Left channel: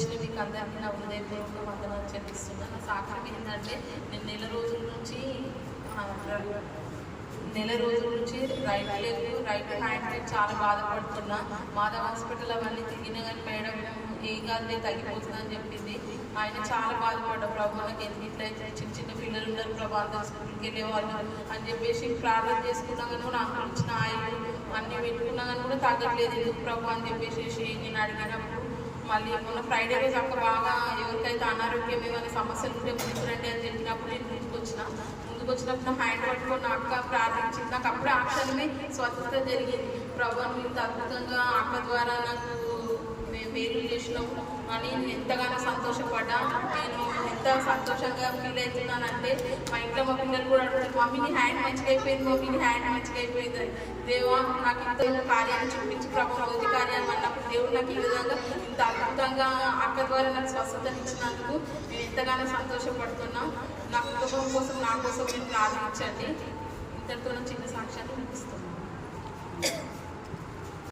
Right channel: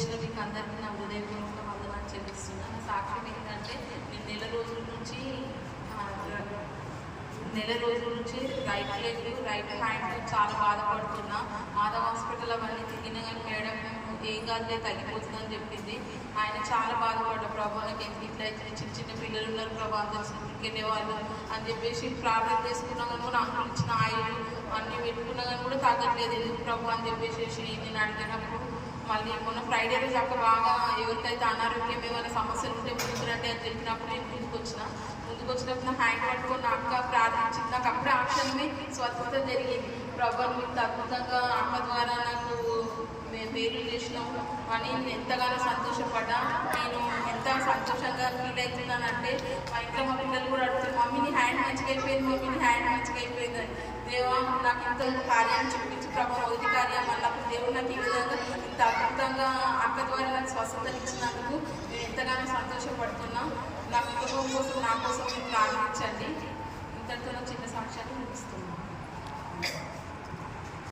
వచ్చిన మీకు అందరికీ నా హృదయపూర్వక వందనాలు చెల్లిస్తున్నా. నా సాక్ష్యం ఏంటంటే నేను నెల రోజుల నుంచి రైట్ లెగ్ రైట్ హ్యాండ్ చాలా బాధపడుతున్నా. మాధవ్ హాస్పిటల్ అవన్నీ తిరిగినా కానీ మేడం ఏం కాదులే తగ్గిపోతుందని చెప్పింది. ఆయన చాలా బాధపడ్డా, ప్రభా నాకు ఎందుకు ఇట్లా చిన్న చిన్న పిల్లలు ఉన్నారు ప్రభా, స్కూల్కి వెళ్ళేవాళ్ళు అని చెప్పేసి ప్రార్థన చేసుకున్నా కానీ కూడా అంకులు ఇచ్చిన ఆయిల్ అన్నీ పెట్టుకున్నా కానీ కూడా తగ్గట్లేదు, ఎందుకు ప్రభా అని చెప్పేసి నేను అడిగినప్పుడు మళ్ళీ మొన్న ఫ్రైడే రోజు అక్క బాగా ఎవరికైతే అనారోగ్యం ఏమైనా సమస్యలు ఉంటే ముందురంటే అని చెప్పినప్పుడు నేను ముందుకు వచ్చినప్పుడు హ్యాండ్ పట్టుకొని అక్క ప్రార్థించింది. నాకు అప్పుడే ఆ క్షణమే స్వతంత్రం జరిగింది. ప్రభు ఇంత అద్భుతంగా అక్క ద్వారా నాకు మేలు చేసినావు అని నేను ఎంతగానో సంతోషపడ్డా. నేను ఎంత సంతోషంగా ఫీల్ అవుతున్నానంటే మా ఇంట్లో మా పిల్లలు కూడా అడుగుతారు, మమ్మీ నీ హ్యాండ్ మంచిగా అయిపోయింది, మమ్మీ నీ హ్యాండ్ మంచిగా అయిపోయిందని. దేవా నాకు ఇంత కార్యాన్ని చూపించి ప్రభు భౌతి కార్యం అన్నప్పుడు దేవుడు నాకు ఈ విధంగా ఇంత అద్భుతంగా అక్క ద్వారా నాకు స్వస్థత ఇచ్చినందుకు నేను ఎంతగానో సంతోషపడుతున్నా. నా కుటుంబం కోసం నా కోసం మీరు ప్రార్థించండి. ఇంతటితో చిన్న సాక్ష్యాన్ని ముగిస్తున్నాను.